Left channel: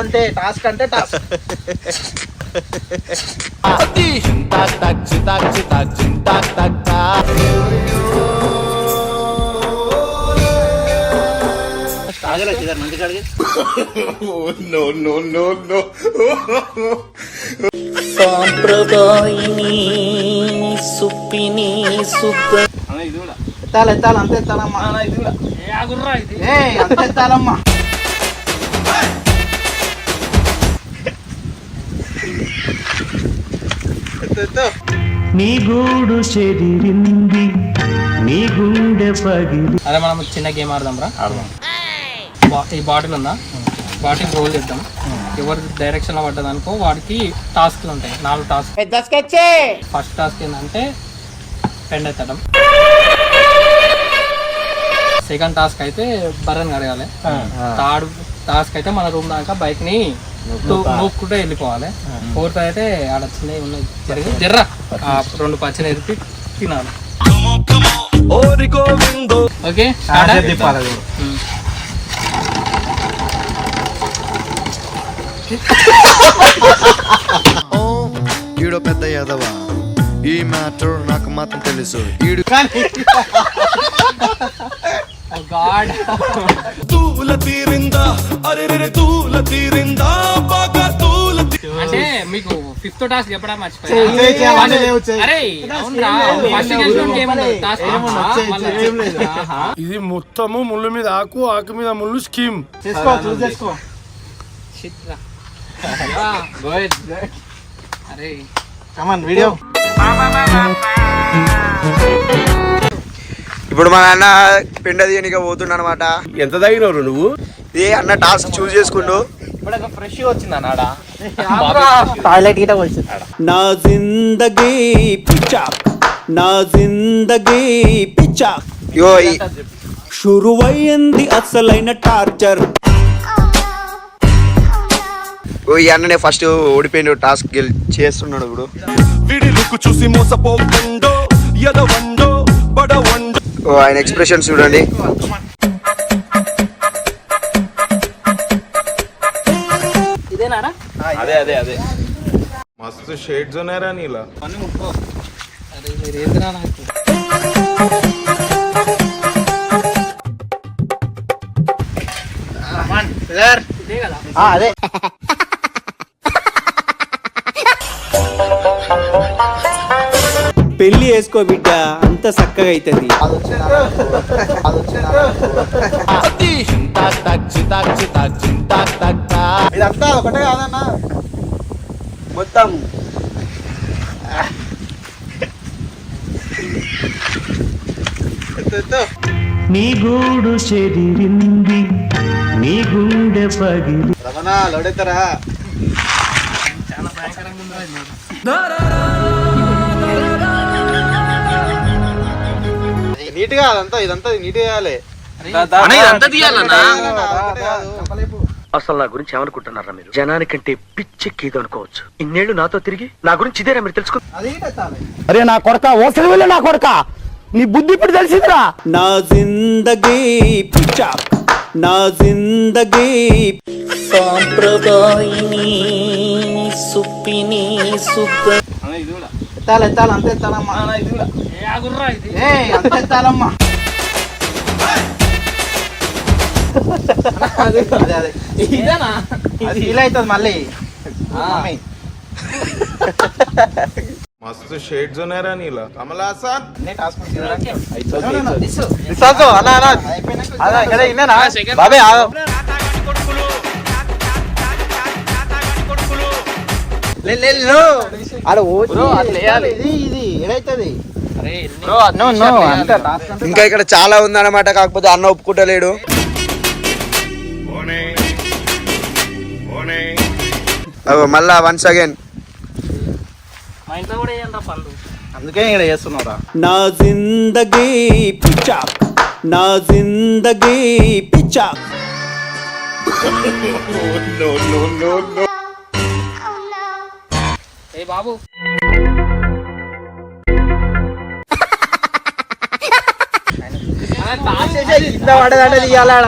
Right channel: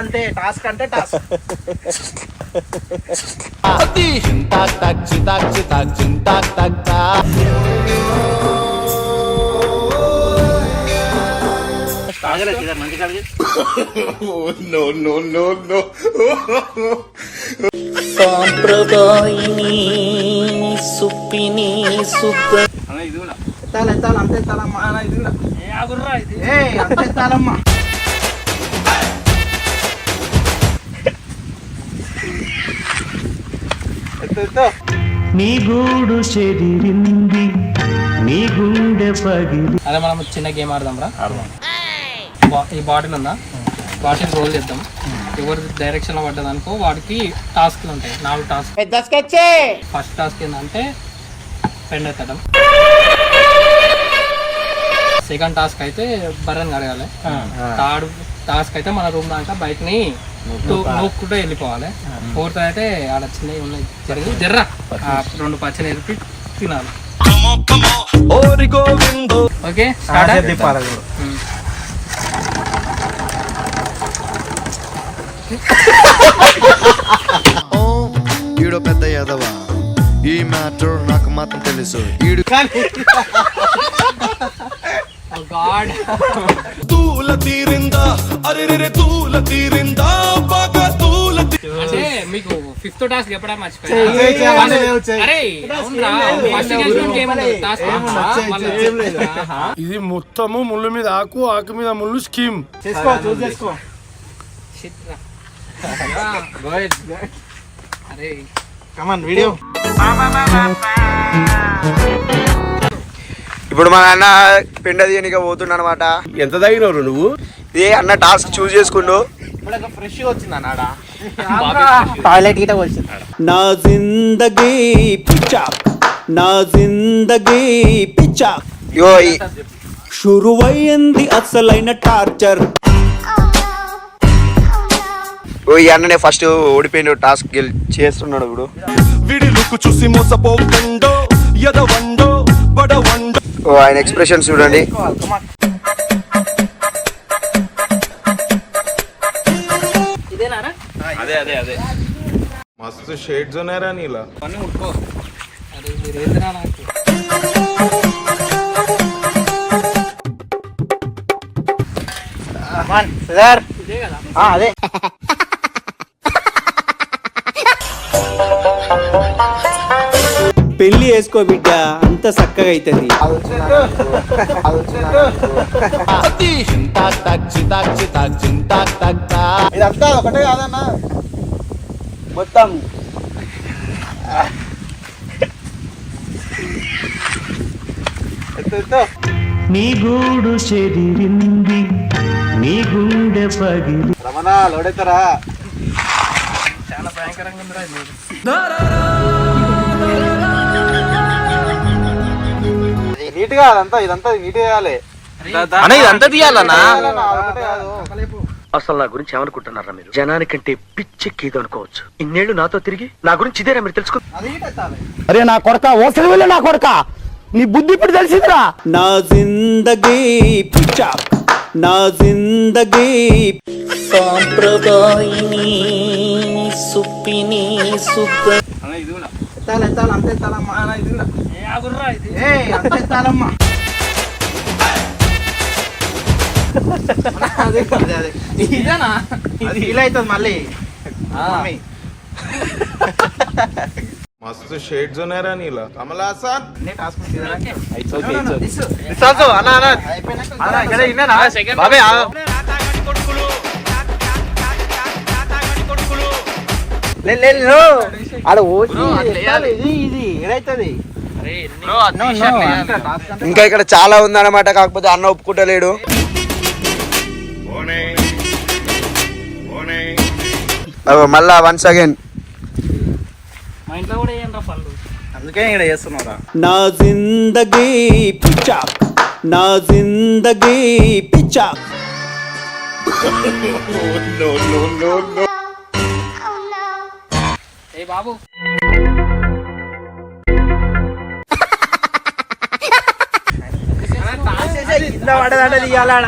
అంతే టాస్క్ అంటే టాస్క్ సాంప్రదాయిని సుప్పిని సుబ్బ ఎత్తాలి ఎత్తాలి అంతే ఎత్తాలమ్మా ఏయ్, అంతే ఎత్తాలమ్మా నీ గూడు చెదిరింది నీ గుండె పగిలి. అదే మనం చిన్న గేమ్ ఆడదాం రా. బా- ఈ బాటిల్ ఉందా? బాటిల్ రోల్ చేద్దాం. ఎవరి డైరెక్షన్లో పడ్డదనుకో వాడికి టాస్క్లు ఉంటాయి. నాలుగు టాస్క్. ఫస్ట్ టాస్క్ ఏంటంటే పెండ్ ఎత్తడం. సెకండ్ టాస్క్ అయితే బర్రెన్ కడగాలి. థర్డ్ టాస్క్ అయితే మన రూమ్ దాకా బైక్ని నూక్కుంటూ వెళ్ళిపోవాలి. ఫోర్త్ అయితే ఆడ చిన్నవి ఉన్నాయి జరిగి జర్ర. రెండు పచ్చడి ఎరిపి తినాలి. ఓకే. ఈడో పెద్ద యాదవా. ఈ మ్యాటర్ నాకు మాత్రం తెలుసు. ఈడు Oh God. అంటే ఏముండదు టాస్క్ మళ్ళీ ఇది మొత్తము ముళ్ళు మీద ఆకు ఆకు మీద ముళ్ళు స్కీమ్. అరే. ఇప్పుడు మా నాన్న పిండ తీయనిక పోతుండ అనమాట ఎంత తగినవరు నువ్వు? ఏ అన్న టాస్క్ చూస్ చేసుకుంటూ ఫ్రెష్ వచ్చింది అన్నాడా? టాయిలెట్ గిట వచ్చింది నా జిందగీ పిచ్చా. నా జిందగీ పిచ్చా. ఈ- షురువయ్యింది అసలైన టార్చర్. ఓ ఈ అన్ననే ఫస్ట్ ఓడిపోయిన టాస్క్ గెల్ చేస్తున్నాడు ఇప్పుడు. ఓ ఆయన ఎక్స్ప్రెషన్ చూడండి. ఇదేనారా మస్తు షేడ్స్ ఉన్నాయరా నీలా. అరే మీరు ఏందిరా నాకు సార్ ఇదే కదా. అదే. పెళ్ళి వేసుకో బిడ్డ. అంత చక్కగా అవుతుంది ఇదంతా ఒకటే కాదన్నా. మొత్తం. నీ గూడు చెదిరింది నీ గుండె పగిలి. రమణ లోడెత్తరా? చాలా భయంకరంగా ఉందిరా నీట్గా అదంతా ఇదంతా నీట్ చేయాలి. ఇదంతా తీయాలన్నా. అసలు నా గురించి ఏమనుకుంటున్నారా మీరు? జనానికంటే పిచ్చెక్కేది అనుకోవచ్చు. ఇన్నేళ్ళు నాతో తిరిగి నా గురించి ఇదేరా మీరు తెలుసుకో అరే నా కొడక ఓసలి వెళ్ళి నా కొడక. నీ బుద్ధి ఇప్పుడు తెలిసిందిరా. నా జిందగీ పిచ్చా. నా జిందగీ సాంప్రదాయిని సుప్పిని సుబ్బ ఎత్తాలి ఎత్తాలి అంతే ఎత్తాలమ్మా అంతే ఎత్తాలమ్మా అదే అదే అదే. ఇదేనా? అది ఫీల్ అవుతుంది మళ్ళీ. మస్తు షేడ్స్ ఉన్నాయరా నీలా. కమల్ హాసన్. అన్ని ఇంకా ఇక్కడ చాలా ఉందన్నమాట కాకపోతే అన్న ఒప్పుకుంటలేడు. మళ్ళా వన్స్ అగైన్ అందుకే ఇక్కడ చేస్తున్నారా? నా జిందగీ పిచ్చా. నా జిందగీ పిచ్చా. బాబు.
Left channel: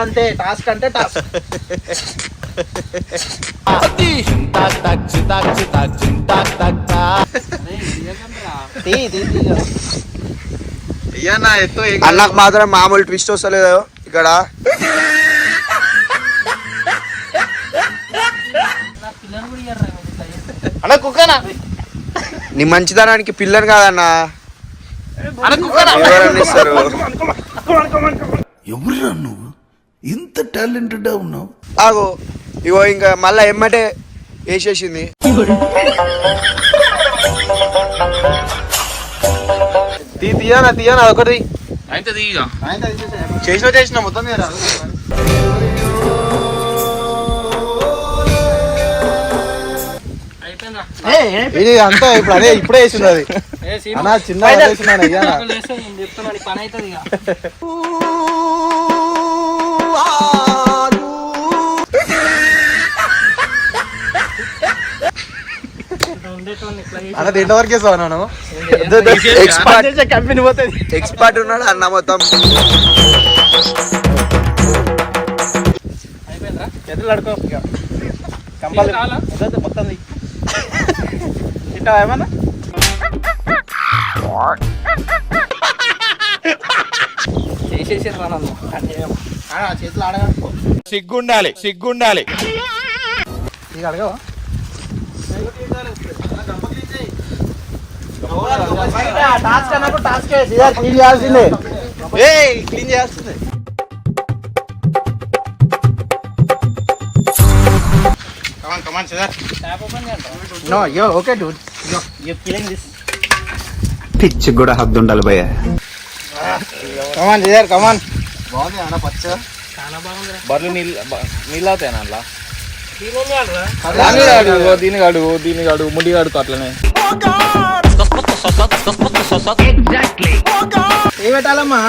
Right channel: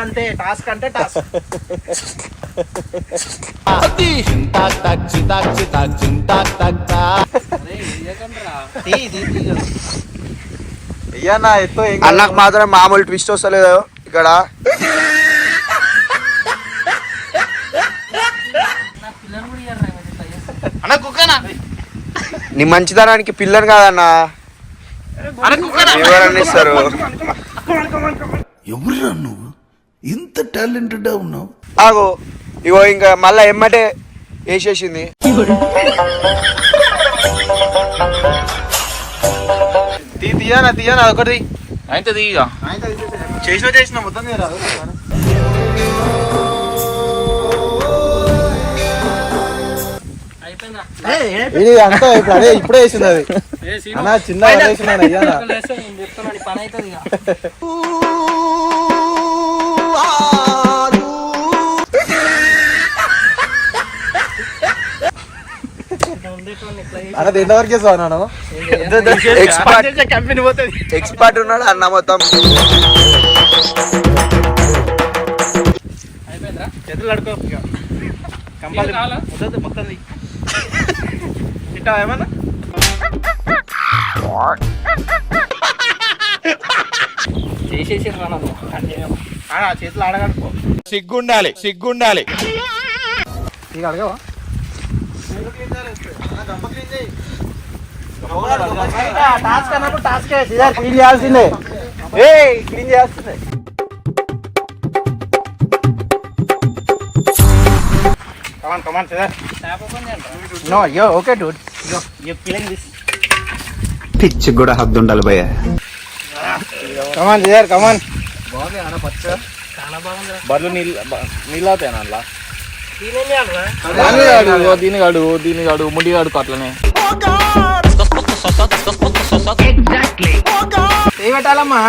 అంతే. టాస్క్ అంటే టాస్క్. అన్నకు మాత్రం మామూలు ట్విస్ట్ వస్తలేదు ఇక్కడ. అన్న కుక్కనా? నీ మంచితనానికి పిల్లని కాదన్నా. ఎవరన్నా ఇస్తారు? ఎవరురా నువ్వు? ఇంత టాలెంటెడ్ ఉన్నావు. ఆగో. ఇగో ఇంకా మళ్ళా ఎమ్మటే వేసేసింది. తీ తీయనా తీయనా ఒకటి. అయితే దిగా చేసిన చేసిన మొత్తం ఇది అంతా ఇప్పుడు అదే ఇప్పుడే వేసింది అది. ఏ సీను? అన్న చిన్న వేసినాను నీ పని అవుతుంది ఇక. ఇట్లా ఉండేటోడిని ఇట్లా చేసి అన్న తింట వరకే సోనాను ఎక్స్పర్ట్ కంపెనీ పోతుంది ఎక్స్పర్ట్ ఉన్నాడు అన్న మొత్తం. కడుకో ఇది కావాలా? మొత్తం. తింటావా ఏమన్నా? చేసేసి చేతులు సిగ్గుండాలి సిగ్గుండాలి. అడగవా? టాస్క్ అన్నప్పుడు టాస్క్ క్లీన్ చేయాల్సిందే. క్లీన్ చేయాల్సిందే. Come on come on sir tap open చేయండి నో యో ఓకే డూడ్ పిచ్చి కూడా హద్దు ఉండాలి భయ్య. కమాన్ సార్ కమాన్ బాగుంది అన్న పచ్చ చాలా బాగుందిరా బర్లు నీళ్ళు నీళ్ళు అవుతాయి అన్న దీని కాడు దీని కాడు ముడి కాడు అట్లనే చేయి పెట్టాలమ్మా?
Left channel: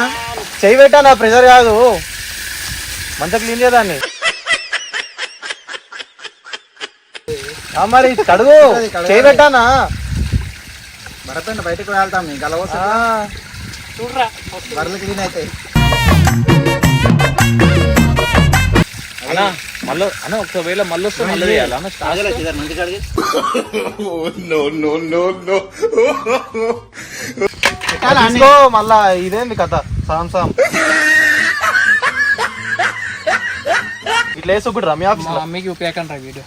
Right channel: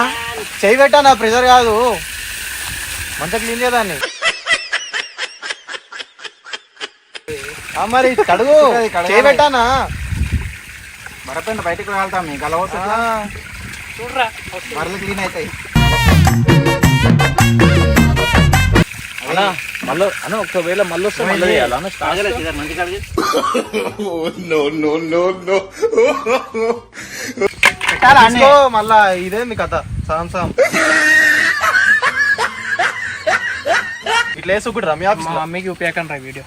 చేయి పెట్టానా? ప్రెషర్ కాదు. మంత క్లీన్ చేయదాన్ని మరి కడుగు చేయి పెట్టానా? బరపెండ బయటకు వెళ్తాం నీకు అలవస చూడరా బర్రెలు క్లీన్ అవుతాయి మళ్ళీ అన్న ఒకవేళ మళ్ళీ వస్తే మళ్ళీ ఇదేంది కథ? సాం సాం ఇట్లా వేసి ఒకటి రమ్య మా మమ్మీకి ఉపయోగం రా వీడియో.